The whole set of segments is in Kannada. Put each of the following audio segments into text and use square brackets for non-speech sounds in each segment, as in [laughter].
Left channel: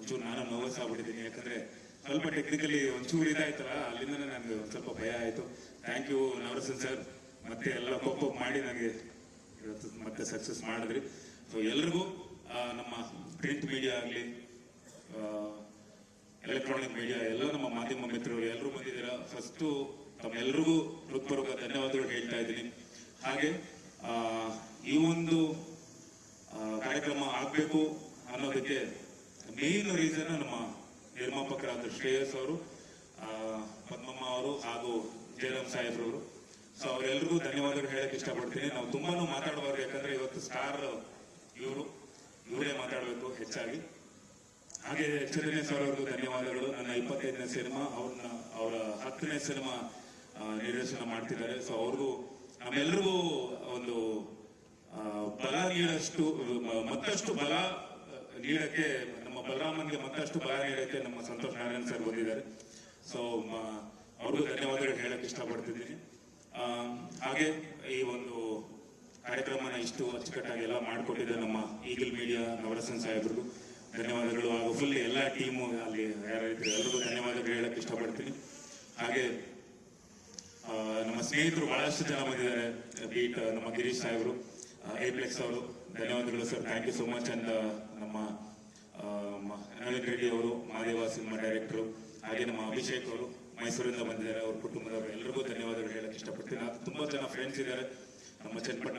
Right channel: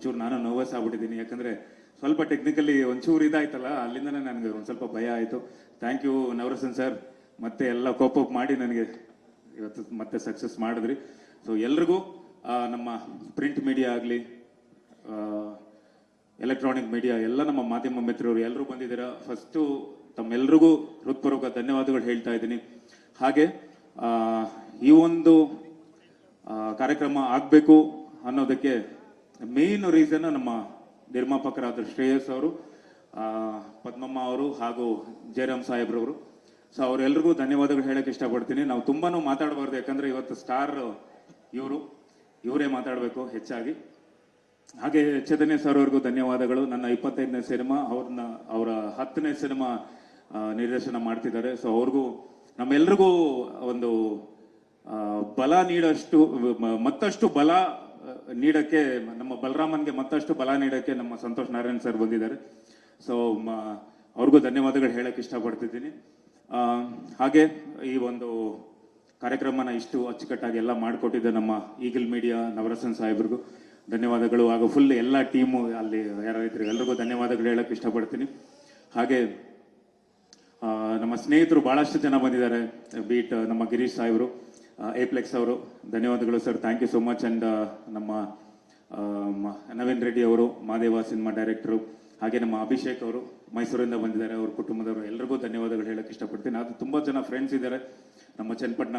ಒಂಚೂರು ನಾನು ನರ್ವಸ್ ಆಗ್ಬಿಟ್ಟಿದ್ದೀನಿ. ಯಾಕಂದ್ರೆ ಸ್ವಲ್ಪ ಟೆಕ್ನಿಕಲಿ ಒಂಚೂರು ಇದಾಯ್ತಲ್ಲ ಅಲ್ಲಿಂದನೇ ನನಗೆ ಒಂದು ಸ್ವಲ್ಪ ಭಯ ಆಯಿತು. ಥ್ಯಾಂಕ್ ಯು ನವರಸನ್ ಸರ್ ಮತ್ತೆ ಎಲ್ಲ ಕೋಪ್ ಅಪ್ ಮಾಡಿ ನನಗೆ ಇವತ್ತು ಮತ್ತೆ ಸಕ್ಸಸ್ ಮಾಡಿದ್ರಿ. ಸೊ ಎಲ್ರಿಗೂ ನಮ್ಮ ಪ್ರಿಂಟ್ ಮೀಡಿಯಾ ಆಗಲಿ ಎಲೆಕ್ಟ್ರಾನಿಕ್ ಮೀಡಿಯಾ ಎಲ್ಲ ನಮ್ಮ ಮಾಧ್ಯಮ ಮಿತ್ರರು ಎಲ್ಲರೂ ಬಂದಿದ್ದೀರಾ? ಫಸ್ಟು ತಮ್ಮೆಲ್ರಿಗೂ ಹೃತ್ಪೂರ್ವಕ ಧನ್ಯವಾದಗಳು ಹೇಳ್ತಾ ಇದ್ದೀನಿ. ಹಾಗೆ ಈ ಒಂದು ಕಾರ್ಯಕ್ರಮ ಆಗಬೇಕು ಅನ್ನೋದಕ್ಕೆ ಮೇನ್ ರೀಸನ್ ನಮ್ಮ ನಿರ್ಮಾಪಕರಾದ ಶ್ರೇಯಸ್ ಅವರು ಪದ್ಮಮ್ಮ ಅವರು ಹಾಗೂ ಜಯರಾಮ್ ಸಾಹೇಬ್ರವರು ಸೊ ಅವರೆಲ್ಲರಿಗೂ ಧನ್ಯವಾದಗಳು ಹೇಳಕ್ ಇಷ್ಟಪಡ್ತೀನಿ. ನಾವು ತುಂಬಾ ಮಾತಾಡಬಾರ್ದು, ಯಾಕಂದ್ರೆ ಇವತ್ತು ಸಾರ್ ಇವರು. ಇವರೇ ಮಾತಾಡಬೇಕು ಹೆಚ್ಚಾಗಿ. ಹಾಗೆ ಚೈತನ್ಯ ಸರ್ ಅವ್ರಿಗೂ ಧನ್ಯವಾದಗಳು. ನನ್ನ ಇಪ್ಪತ್ತೈದನೇ ಸಿನಿಮಾ, ಅವ್ರನ್ನ, ಅವರ ಹತ್ತನೇ ಸಿನಿಮಾ ನಿರ್ದೇಶನ ಮಾಡ್ತಿದ್ದಾರೆ. ಸೊ ಅವ್ರಿಗೂ, ನಮ್ಮೆಲ್ರಿಗೂ ಒಂದು ಬಲ ನೀಡಷ್ಟು ಮತ್ತಷ್ಟು ಬಲ ನೀಡಕ್ಕೆ ನಮ್ಮ ಬಲರಾಮನ್ಗೆ ಮತ್ತಷ್ಟು ಬಲ ನೀಡಕ್ಕೆ ನಮ್ಮ ಸಂತೋಷ್ ನಾರಾಯಣ್ ಸರ್ ಬಂದಿದ್ದಾರೆ. ಸೊ ಅವ್ರಿಗೂ ಧನ್ಯವಾದಗಳು ಹೇಳಕ್ ಇಷ್ಟಪಡ್ತಿದ್ದೀನಿ. ಹಾಗೆ ಈ ಒಂದು ಕಾರ್ಯಕ್ರಮನ ಇಷ್ಟು ಅಚ್ಚುಕಟ್ಟಾಗಿ ಎಲ್ಲ ಮಾಡಿಕೊಟ್ಟಿದ್ದೆ ನಮ್ಮ ಈಗಲ್ ಮೀಡಿಯಾ ನವರಸನ್ ಸಾಹೇಬ್ರಿಗೂ ಧನ್ಯವಾದಗಳು. ಆಗ ಫುಲ್ ಎಲ್ಲ ಟೀಮು ಅಲ್ಲಿ ಯಾರಿದ್ರು ಎಲ್ರಿಗೂ ಧನ್ಯವಾದಗಳು ಹೇಳಕ್ ಇಷ್ಟಪಡ್ತೀನಿ. ಹಾಗೆ ನಮ್ಮ ಸ್ನೇಹಿತರು ಬಹಳಷ್ಟು ಜನ ಬಂದಿದ್ದಾರೆ. ಬೀಟ್ ನಮ್ಮ ಗಿರೀಶ್ ಸಾಹೇಬರು. ಏಪ್ಲೆಕ್ಸ್ ಅವರು, ಧನ್ಯವಾದಗಳು sir. Thank you so much and ನಮ್ಮ ನವೀನ್ ರೆಡ್ಡಿ ಅವರು, ಮಾದೇವ ಸಿನಿಮಾ ಡೈರೆಕ್ಟರು, ಹಾಗೆ ನಮ್ಮ ಅಭಿಷೇಕ್ ಅವರು, ಮೈಸೂರಿಂದ ಬಂದಿದ್ದಾರೆ. ಅವ್ರ ಕುಟುಂಬದವರು ಎಲ್ಲರಿಗೂ ಧನ್ಯವಾದಗಳು ಹೇಳಕ್ಕೆ ಇಷ್ಟಪಡ್ತೀನಿ. ಅದು ತುಂಬಾ ಜನ ಫ್ರೆಂಡ್ಸ್ ಇದ್ದಾರೆ. ನಮ್ಮ ಚನ್ನಪಟ್ಟಣ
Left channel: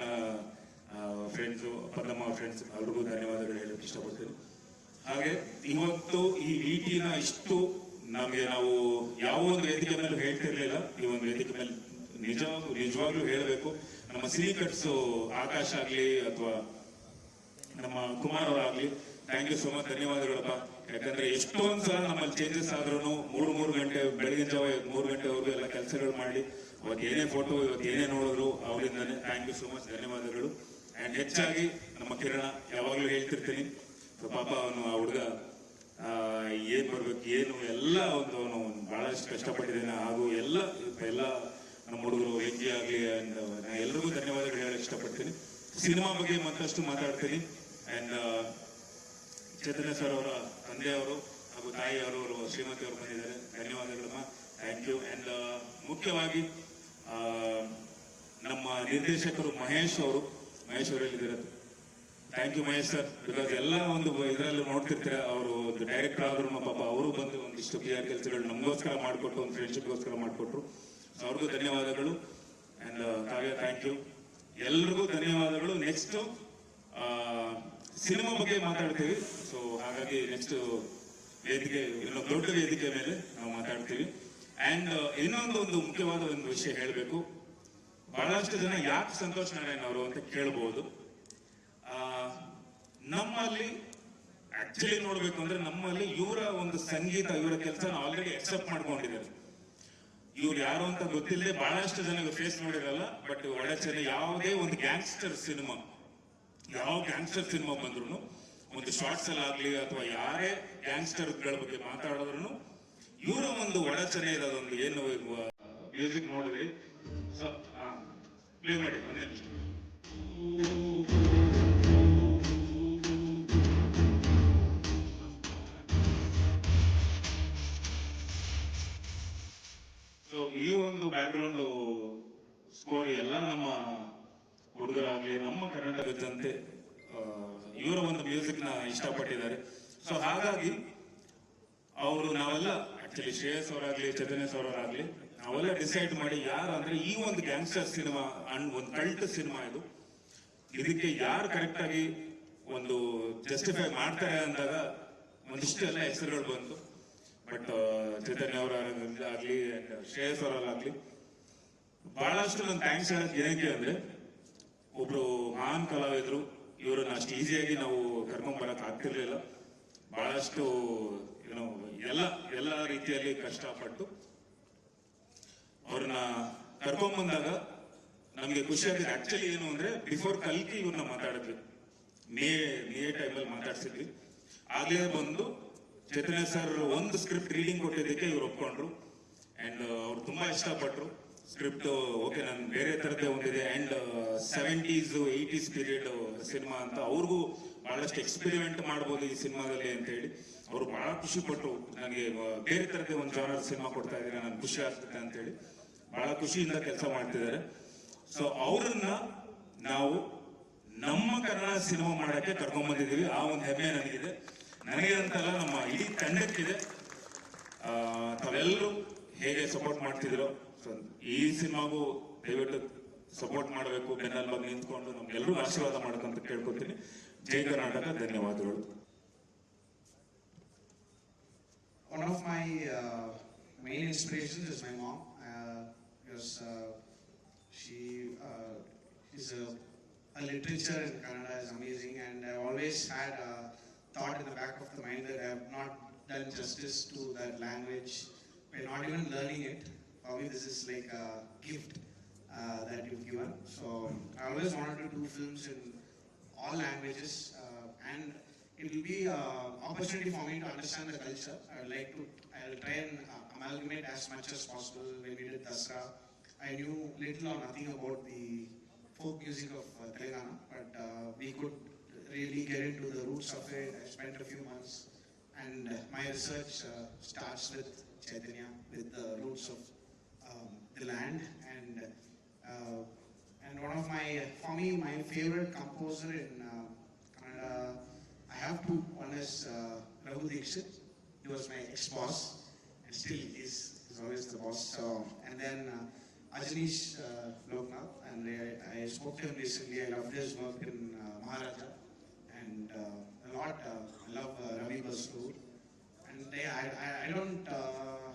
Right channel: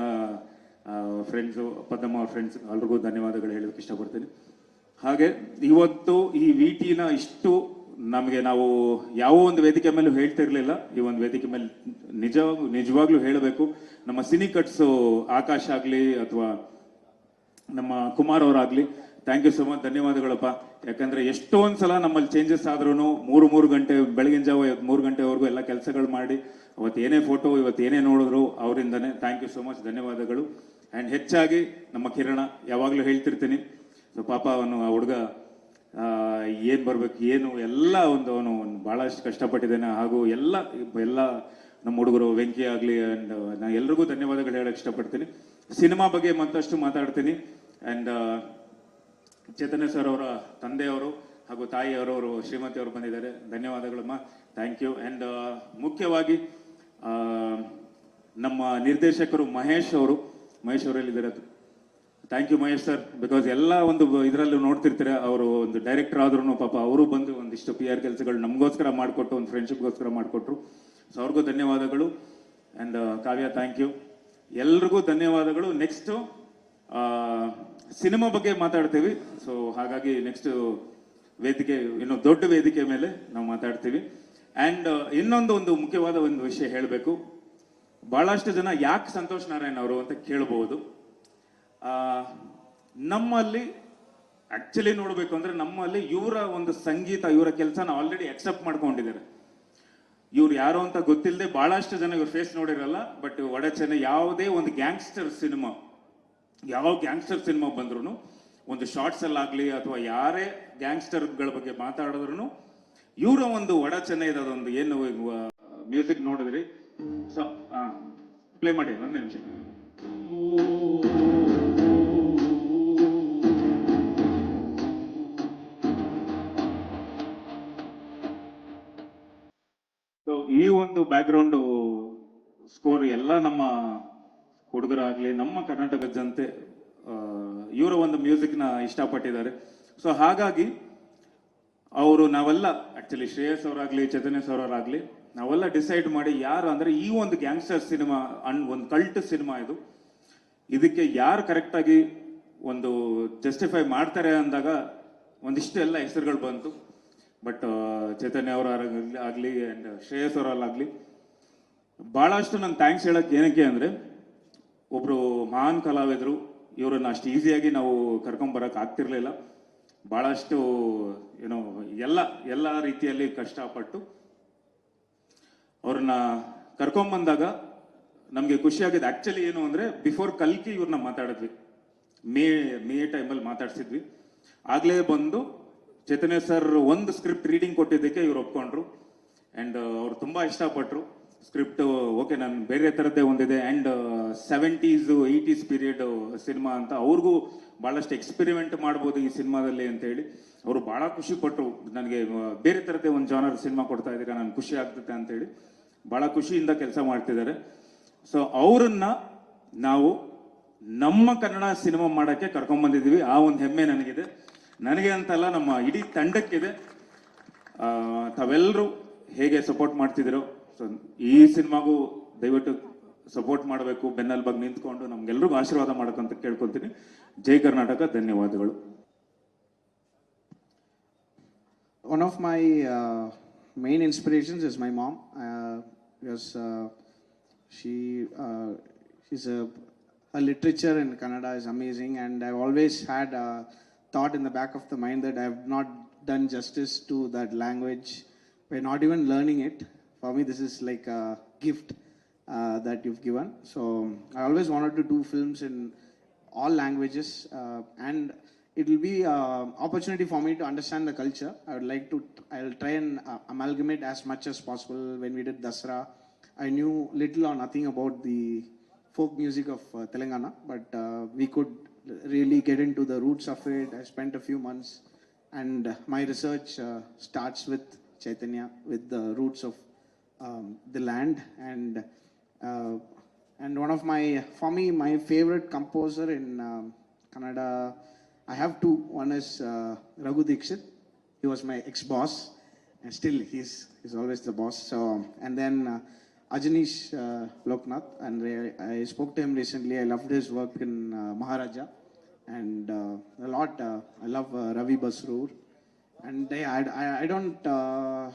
ಫ್ರೆಂಡ್ಸು ಪದ್ಮ ಫ್ರೆಂಡ್ಸ್ ಎಲ್ರಿಗೂ ಧನ್ಯವಾದಗಳು ಹೇಳಕ್ಕೆ ಇಷ್ಟಪಡ್ತೀನಿ. ಹಾಗೆ ಇವತ್ತು ಈ ವಿಟಿನ ಇಷ್ಟು ನಮಗೆ ನಾವು ಯಾವ ಒಂದು ವೇದಿಕೆ ಮೇಲೆ ಹೇಳ್ತಿರ್ಲಿಲ್ಲ. ಈ ಒಂದು ವೇದಿಕೆ ಮೇಲೆ ನಿಜ, ನಿಜವಾಗ್ಲೂ ಹೇಳಬೇಕು. ನಮ್ಮ ಸಿನಿ ಕಟ್ಸ್ ಆಕಾಶ್ ಆಗ್ಲಿ ಅಥವಾ ನಮ್ಮ ಕುಮಾರ್ ಅವರಾಗ್ಲಿ ಥ್ಯಾಂಕ್ ಯು ಸೊ ಮಚ್ ಧನ್ಯವಾದಗಳಪ್ಪ. ಯಾಕಂದ್ರೆ ಎಷ್ಟೊಂದ್ ಸಲ ನಮ್ಮಲ್ಲಿ ಚೇಂಜಸ್ ಆದ್ರೂ ಮೂರು ಮೂರು ಗಂಟೆ, ಬೆಳಗಿನ ಜಾವ ಮೂರು ಗಂಟೆವರೆಗೂ ಎಲ್ಲ ಕೆಲಸಗಳು ಮಾಡಿ, ಅವತ್ತು ಏನೇ ಫೋಟೋ ಇವತ್ತು ಏನೇ ನೋಡಿದ್ರು ಅವರಿಂದನೇ ಥ್ಯಾಂಕ್ ಯು ಸೊ ಮಚ್ ಧನ್ಯವಾದಗಳು. ಅಂಡ್ ಹೆಚ್ಚಾಗಿ ನಮ್ಮ ಕಿರಣ, ಯಾವಾಗಲೂ ಹೇಳ್ತಿರ್ತೀನಿ ಪಾಪ ಅವನು, ಆ ಹುಡುಗ ಏನು ಬರ್ಬೇಕು, ಏನು, ಎಲ್ಲ ಒಂದು ಅವನು, ಬಹಳಷ್ಟು ಕಷ್ಟಪಟ್ಟಿದ್ದಾನೆ. ಹಾಗೂ ಎಲ್ಲ ಎಲ್ಲ ನಮ್ಮ ಹುಡುಗರು ವೆಂಕಿ ಆಗ್ಲಿ ಅಂಡ್ ನಾ ಎಲ್ರಿಗೂ ಧನ್ಯವಾದಗಳು ಹೇಳಕ್ ಇಷ್ಟಪಡ್ತೀನಿ. ಸಿನಿಮಾ ಬಗ್ಗೆ ಮತ್ತಷ್ಟು ಮಾತಾಡ್ತೀನಿ. ಅಂಡ್ ಚೇತನ ಸರ್ ಅವರ ತಂದೆಯವರು ಹಾಗೂ ತಾಯಿಯವರವರು ಶ್ರೀಮತಿ ಅವರು ಬಂದಿದ್ದಾರೆ. ಧನ್ಯವಾದಗಳಮ್ಮ ಥ್ಯಾಂಕ್ ಯು ಅಂಡ್ ಮುಖ್ಯವಾಗಿ ಆ, ನಮ್ಮ ನಿರ್ದೇಶಕರು ಮಹೇಶ್ ಅವರು Mahesh ಅವರಲ್ಲಿದ್ದಾರೆ thank you Mahesh sir because ಎಲ್ಲ ಒಂದು ಇದರಲ್ಲಿ ನೋಡ್ತಿರ್ತಾರೆ ಅವರು ಒಂದು ಡೈರೆಕ್ಟರ್ ಆದ್ರೂ ಪಾಪ ಅವರು ಬಂದು ಒಂದಿಷ್ಟು ಪಿ ಆರ್ ಕೆಲಸಗಳು ನಮಗೋಸ್ಕರ ಮಾಡಿಕೊಟ್ಟು ಒಂದು ಫ್ರೆಂಡ್ಶಿಪ್ಗೋಸ್ಕರ ಮಾಡಿಕೊಟ್ರು. ಸೊ ಧನ್ಯವಾದಗಳು ಅಂಡ್ ಕಾವ್ಯ ಥ್ಯಾಂಕ್ ಯು ಎಲ್ರಿಗೂ ಧನ್ಯವಾದಗಳು. ನೆಕ್ಸ್ಟ್ ಸಿನಿಮಾ ಬಗ್ಗೆ ಮಾತಾಡ್ತೀವಿ. ಸೊ ಹಾಗಾಗಿ ನೆಕ್ಸ್ಟ್ ವೇದಿಕೆ, ಇನ್ನು ದೊಡ್ಡ ವೇದಿಕೆ ಮೇಲೆ ನಾವು ಮಾತಾಡ್ತೀವಿ. ಅಂಡ್ ಇನ್ನೊಂದು ಒಂದು ಮುಖ್ಯವಾದ ಒಂದು ವಿಷಯ ಹೇಳಬೇಕು. ಬಹಳಷ್ಟು ಜನ ಯಾಕೆ ಸಂತೋಷ್ ನಾರಾಯಣ್ ಅವರು ಅಂತ ಕೇಳಬಹುದು ನಮ್ಮಲ್ಲಿ ಆಕ್ಚುಲಿ ನೋಡಬೇಕು ಅಂದ್ರೆ ನಮ್ಮಲ್ಲಿ ಇವರ ಒಂದು ಸಂಗೀತ, ಇವರ ಕೆಲಸನ ಆಲ್ರೆಡಿ ಅಕ್ಸೆಪ್ಟ್ ಮಾಡ್ಕೊಂಡಿದ್ದಾರೆ. ಇವ್ರು ಯಾರು ಅಂತ ಗೊತ್ತಿಲ್ಲದೆ ಬಹಳಷ್ಟು ಜನ ಇವ್ರ ಫೇಸ್ ನೋಡಿರಲ್ಲ ಬಟ್ ಒಡಚನೆ ಯಾವುದೇ ಒಂದು ಗ್ಯಾಂಗ್ಸ್ಟರ್ ಸಿನಿಮಾ ಯಾವ ಗ್ಯಾಂಗ್ಸ್ಟರ್ ಸಿನಿಮಾ ಬಂದ್ರು ಒಂದು ಶಾರ್ಟ್ಸ್ ಅಲ್ಲಾಗ್ಲಿ ಅಥವಾ ಯಾರೇ ಗ್ಯಾಂಗ್ಸ್ಟರ್ಗಳ ಬಗ್ಗೆ ಮಾತಾಡಿದ್ರು ಇವರ ಒಂದು ಒಡಚನೆ ಇರೋದೊಂದು ಏನು ಮ್ಯೂಸಿಕ್ ನೋಡಿದ್ರಿ? ಪ್ಲೇ ಮಾಡಿ, ಒಂದು ನಿಮಿಷ ಬ್ಯಾಕ್ಗ್ರೌಂಡ್ ಸ್ಕೋರ್ ಎಲ್ಲ ನಮ್ಮ ಹುಡುಗರಾಗ್ಲಿ, ನಮ್ಮ ಕರ್ನಾಟಕ ಜನತೆ ಇವರ ಒಂದು ಮ್ಯೂಸಿಕ್ನ ಇಷ್ಟಪಟ್ಟಿದ್ದಾರೆ. ಸೊ ಹಾಗಾಗಿ ಅವರು ನಾವೆಲ್ಲ ಆಕ್ಚುಲಿ ಶ್ರೇಯಸ್ ಅವರಾಗ್ಲಿ ಅವರಾಗಲಿ ಅವರಾಗ್ಲಿ, ನಾವೆಲ್ಲ ಡಿಸೈಡ್ ಮಾಡಿ ಯಾರು ಅಂದ್ರೆ ಈ ಒಂದು ಗ್ಯಾಂಗ್ಸ್ಟರ್ ಸಿನಿಮಾ ಅಂಡ್ ಒಂದು ಕಲ್ಟ್ ಸಿನಿಮಾ ಇದು, ಇದಕ್ಕೆ ಯಾರು ಕರೆಕ್ಟಾಗಿ ಒಂದು ಜಸ್ಟಿಫೈ ಮಾಡ್ತಾರೆ ಅಂದಾಗ ಒಂದಿಷ್ಟು ಎಲ್ಲ ಹೆಸರುಗಳು ಬಂತು. ಬಟ್ ಚೈತನ್ಯ ಅವರ ಆಗಲಿ ಅಂಡ್ ಶ್ರೇಯಸ್ ಅವರಲ್ಲಾಗಲಿ, ಬಹಳಷ್ಟು ನಂಗೆ ಥ್ಯಾಂಕ್ಸ್ ಹೇಳೋಕ್ಕೆ ಏನಕ್ಕೆ ಅಂದರೆ ಒಬ್ಬರು ಮಹಾನ್ ಕಲಾವಿದರು, ಇವರನ್ನು ಅಷ್ಟು ಈಸಿಯಾಗಿ ನಾವು ಕರ್ಕೊಂಬರಕ್ಕೆ ಆಗ್ತಿರಲಿಲ್ಲ. ಬಹಳಷ್ಟು ಏನೋ ಎಲ್ಲ ಎಲ್ಲ ರೀತಿಯಲ್ಲಿ ಕಷ್ಟಪಟ್ಟು ಅವ್ರನ್ನ ಕರ್ಕೊಂಬಂದಾಗ ನಮಗೆ ಖುಷಿಯಾಗಿದೆ ಆ್ಯಕ್ಚುಲಿ ಏನು ಅಂದರೆ ಬಿಫೋರ್ ಕಲ್ಕಿ ಇವ್ರನ್ನ ಮಾತಾಡಿದ್ವಿ. ಮೇ ಮೇ ಟೈಮಲ್ಲಿ ಮಾತಾಡ್ಸಿದ್ವಿ. ಆಗಲೇ ಬಂದು ಚೈತನ್ಯ ಸರ್ ಒಂದು ಸ್ಕ್ರಿಪ್ಟ್ ರೀಡಿಂಗ್ ಕೊಟ್ಟಿದ್ದಕ್ಕೆ ಇವ್ರು ಒಪ್ಕೊಂಡ್ರು. ಅಂಡ್ ಅವ್ರು ತುಂಬಾ ಇಷ್ಟಪಟ್ಟರು ಸ್ಕ್ರಿಪ್ಟ್ ಓಕೆ ನಾನು ಬೇರೆ ಥರದ್ದೇ ಒಂದಿದೆ. And seventies eighties period cinema ಅಂತ ಅವ್ರಿಗೂ ಭಾಳಷ್ಟು ಎಕ್ಸ್ಪೆರಿಮೆಂಟ್ ಮಾಡ್ಬೋದು ಈ ಸಿನಿಮಾದಲ್ಲಿ ಅಂತೇಳಿ. ಅವರು ಭಾಳ ಖುಷಿ ಪಟ್ಟರು ನನಗೆ ಬೇರೆ ಥರದ್ದೇ ಒಂದು ಜಾನರ್ ಸಿನಿಮಾ ಕೊಡ್ತಾ ಇದ್ದೀರಾ ನನಗೆ ಖುಷಿ ಆಗ್ತದೆ ಅಂತೇಳಿ. ಭಾಳ ಖುಷಿಯಿಂದ ಕೆಲಸ ಮಾಡ್ತಿದ್ದಾರೆ. ಸೊ ಅವರನ್ನ ನಾವು ನಮ್ಮ ಕನ್ನಡ ಸಿನಿಮಾ ಮಾಡೋಕ್ಕೆ ಕರ್ಕೊಂಡ್ಬಂದಿದ್ದೀವಿ ಆ ಒಂದು ಹೆಮ್ಮೆ ನನಗಿದೆ. ನನಗೆ ಅಂತಲ್ಲ ನಮ್ಮ ಇಡೀ ತಂಡಕ್ಕಿದೆ. ತಾವೆಲ್ಲರೂ ಹೇಗೆ ಸಪೋರ್ಟ್ ಮಾಡ್ತಿದ್ದೀರೋ, ಸೊ ಈ ಸಿನಿಮಾಗೂ ದಯವಿಟ್ಟು ಸಪೋರ್ಟ್ ಮಾಡಬೇಕು, ಬೆನ್ನಲ್ಲಿ ಬಗ್ಗೆ ನಿಂತ್ಕೊಂಡು ನಮ್ಗೆಲ್ರಿಗೂ ಆಶೀರ್ವಾದ ಅಂತ ಕೇಳ್ಕೊತೀನಿ. ಜೈ ಕರ್ನಾಟಕ, ಧನ್ಯವಾದಗಳು. One of my main inspirations is my mom because she is a literature in Kannada is amazing and I always is thought in the back of the mind that I have not done justice to that language by not even learning it. For me, this is like a gift uh, that you've given. So I always wanted to do films in all languages uh, and it will be an opportunity for me to understand the culture i would like to i will try and uh, amalgamate as much as possible when we did dasra i knew little or nothing about the folk music of uh, telangana but uh, we could really get into the roots of it. I spent a few months and my research uh, starts with chaitanya with the roots of um, the land and uh, and one of my for me my favorite composer in um, Kannada I have two. One is uh, Raghu Dixit. He was my ex boss and still he's he's always the boss. So and then uh, Ajanish uh, Loknath. And I, I spoke to him recently. I loved his work in uh, Maharaja and uh, a lot uh, I love uh, Ravi Basroor and I, I, I don't uh,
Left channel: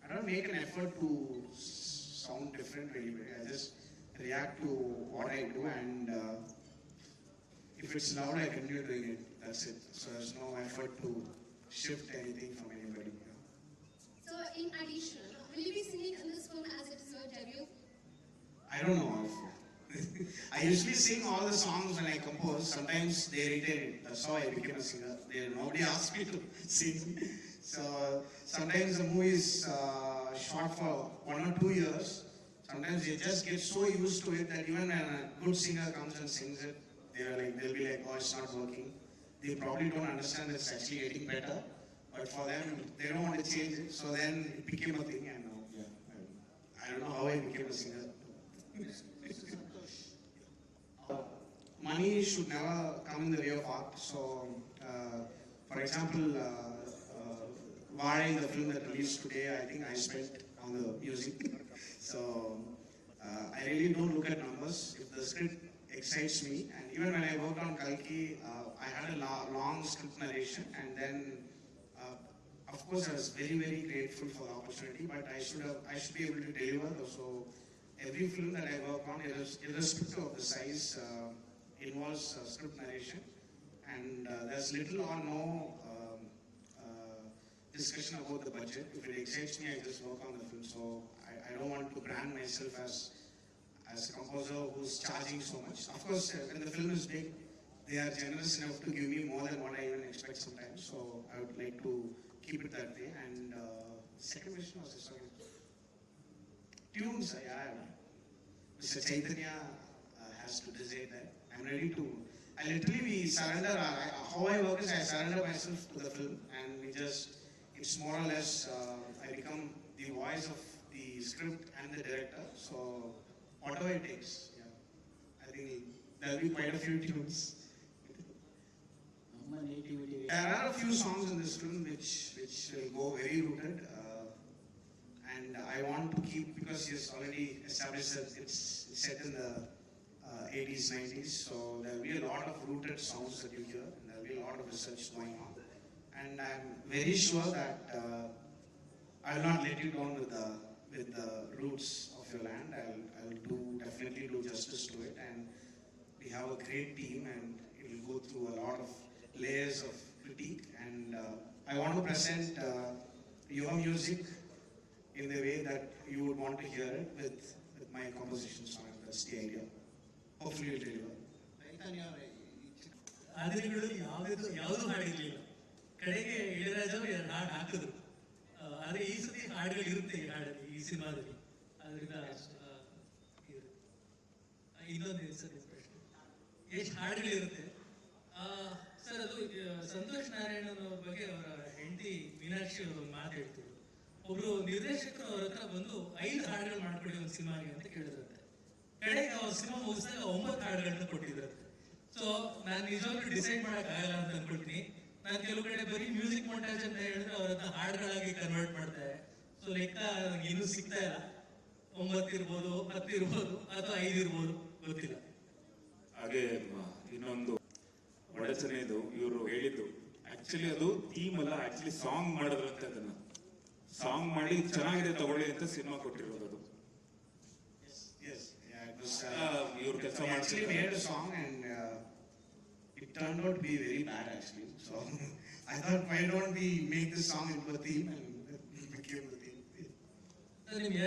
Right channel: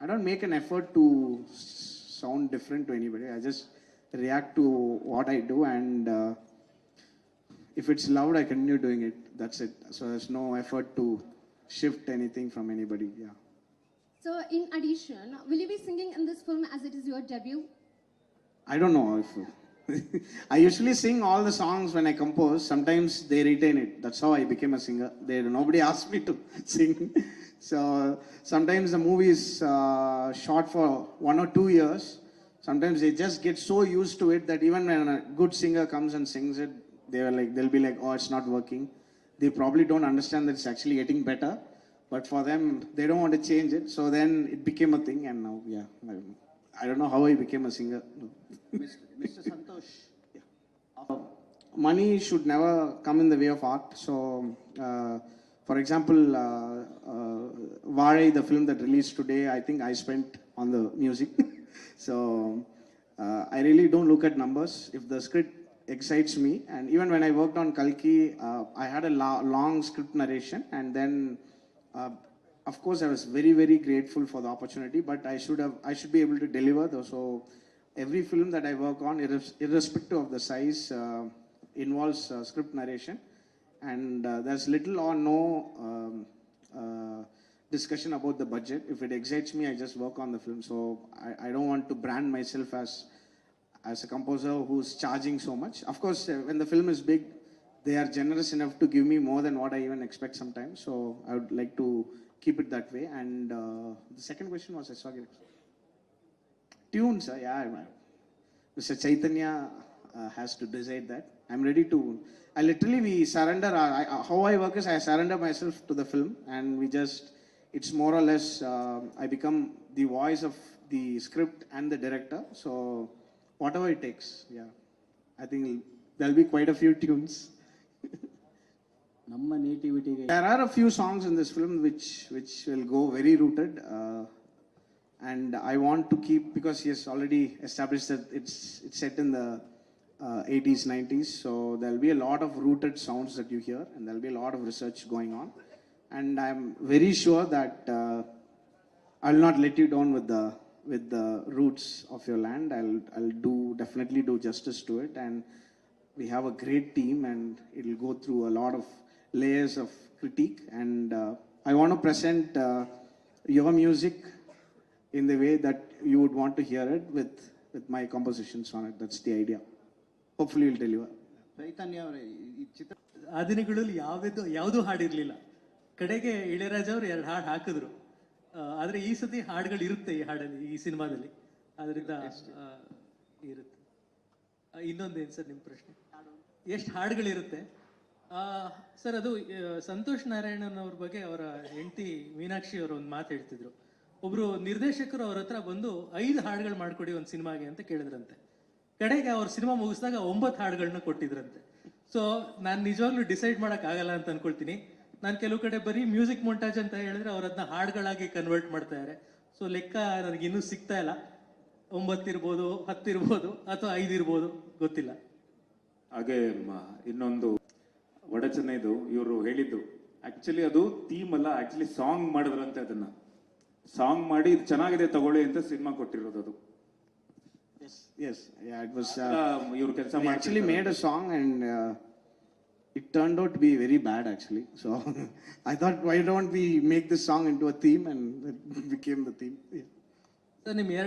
I don't make an effort to sound different to anybody. I just react to what I do, and uh, if it's loud, I continue doing it. That's it. So there's no effort to shift anything from anybody. Yeah. So, in addition, will you be singing in this film as it is your debut? I don't know if [laughs] I usually sing all the songs when I compose. Sometimes they retain it. That's how I became a singer. They nobody asked me to [laughs] sing. So sometimes the movie is uh, shot for one or two years. Sometimes they just get so used to it that even when a good singer comes and sings it, they are like they'll be like, "Oh, it's not working." They probably don't understand that it's actually getting better. But for them, they don't want to change it. So then it became a thing, and now, yeah, I, I don't know how I became a singer. Mr. Money should never come in the way of art. So, uh, for example, uh, uh, Vare, the film that released today, I think I spent on the music. [laughs] so, uh, I really don't look at numbers. If the script excites me, and even when I worked on Kalki, uh, I had a lo- long script narration, and then, uh, of course, I was very, very grateful for the opportunity. But I should have, I should be able to deliver. Though, so every film that I work on, irres- irrespective of the size, uh, involves uh, script narration, and uh, there's little or no um, uh, discussion about the budget. If it excites me, I just work on the film. So I, I don't want to brand myself as as a composer who's charging so much. Of course, uh, when the film is big, they are generous enough to give me more than what I even expect sometimes. So I would like to keep it that way. And uh, the second question was, I sorry. Tunes, uh, yeah, Mr. Chaitanya has to decide that. I'm ready to. I literally we surrender. I, I, how I work is I surrender myself to the film, and we just. It's more or less. Uh, I become the voice of the script and the director. So whatever it takes. Yeah, I think there'll be quite a few tunes. ನಮ್ಮ ನೇಟಿವಿಟಿಗೆ There are a few songs in this film which which will go very rooted, uh, and I want to keep because he has already established that it's it's set in the uh, 80s, 90s. So there'll be a lot of rooted sounds that you hear, and there'll be a lot of research going on. And I'm very sure that uh, I'll not let you down with the with the roots of your land. I'll I'll do definitely do justice to it, and we have a great team, and it'll go through a lot of layers of critique. And uh, I want to present uh, your music in the way that you would want to hear it with with my compositions on it. That's the idea. Hopefully, I'll deliver Chaitanya ಚಿತ್ರ ಆ ದಿನಗಳಲ್ಲಿ ಯಾವ್ದು ಯಾವುದೂ ಹಾಡಿರಲಿಲ್ಲ. ಕಡೆಗೆ ಇಳೆರಾಜ ಅವರು ಎರಡು ಹಾಡು ಹಾಕಿದ್ರು. ಆದರೆ ಈ ಸತಿ ಹಾಡುಗಳು ಇರುತ್ತೆ ಈ ಹಾಡಲ್ಲಿ ಈ ಸಿನಿಮಾದಲ್ಲಿ. ಅದರಿಂದ ಇರುತ್ತೆ. ಇನ್ನೊಂದು ಏನು ಸರ್ ನಿಮ್ಮ ಪ್ರಶ್ನೆ? ಎಷ್ಟು ಹಾಡುಗಳಿರುತ್ತೆ? ಸರ್ ಅದು ಸಂತೋಷ್ ನಾರಾಯಣನ್ ಅವ್ರ ಬಗ್ಗೆ ಅವರ ಹೆಂಡತಿ ಮೀನಾಕ್ಷಿ ಅವರು ಒಂದು ಮಾತು ಹೇಳ್ತಿದ್ರು. ಒಬ್ರು ನಿರ್ದೇಶಕರು ಅವ್ರ ಹತ್ರ ಬಂದು ಐದು ಹಾಡುಗಳು ಮಾಡ್ಕೊಡಿ ಒಂದು ಸಿನಿಮಾಗೆ ಅಂತ ಕೇಳಿದ್ರಂತೆ. ಕಡೆಗೆ ಅವ್ರ ಸಿನಿಮಾ ಮುಗಿಸಿದಾಗ ಒಂಬತ್ತು ಹಾಡುಗಳನ್ನ ಕೊಟ್ಟಿದ್ರಂತೆ. ಸೊ ನಾನು ನಿಜವಾಗ್ಲೂ ಡಿಸೈಡ್ ಮಾಡಕ್ ಆಗಲ್ಲ ಅಂತ ಅನ್ಕೊಳ್ತೀನಿ. ನಾನು ಕೆಲವು ಕಡೆ ಬರೀ ಮ್ಯೂಸಿಕ್ ಮೊಂಟಾಜ್ ಅಂತ ಹೇಳಿದ್ರೆ ಅವರನ್ನ ಹಾಡುಗಳಾಗಿ ಕನ್ವರ್ಟ್ ಮಾಡ್ತಾರೆ ಸೊ ಲೆಕ್ಕ ನನಗೆ ಇನ್ನೂ ಸಿಗ್ತಾ ಇಲ್ಲ. ಒಂಬತ್ತು ಇರ್ಬೋದು, ಹತ್ತು ಇರ್ಬೋದು, ಅಥವಾ ಐದು ಇರ್ಬೋದು, ಗೊತ್ತಿಲ್ಲ. ಹಾಗೆ ಇನ್ನೊಂದು ಒಡಚನೆದು ಇವರು ಹೇಳಿದ್ದು. ಆಕ್ಚುಲಿ ಅದು ಥೀಮ್ ಅಲ್ಲ ಆಕ್ಚುಲಿ ಸಾಂಗ್ ಮಾಡಿದ್ರಂತೆ ಅದನ್ನ. ಸಾಂಗ್ ಮಾಡಿ ಇದ್ ಚೆನ್ನಾಗಿದೆ, ತಗೊಳ್ಳಿ ಅಂತ ಸಿನಿಮಾ ಕೊಟ್ಟಿರೋದು ಅದು. Yes, yeah, it was. Uh, um, you can actually made a song and uh, it turned out to be very bad actually. [laughs] So I thought, why don't we make this song into a theme and it became the theme. Yeah.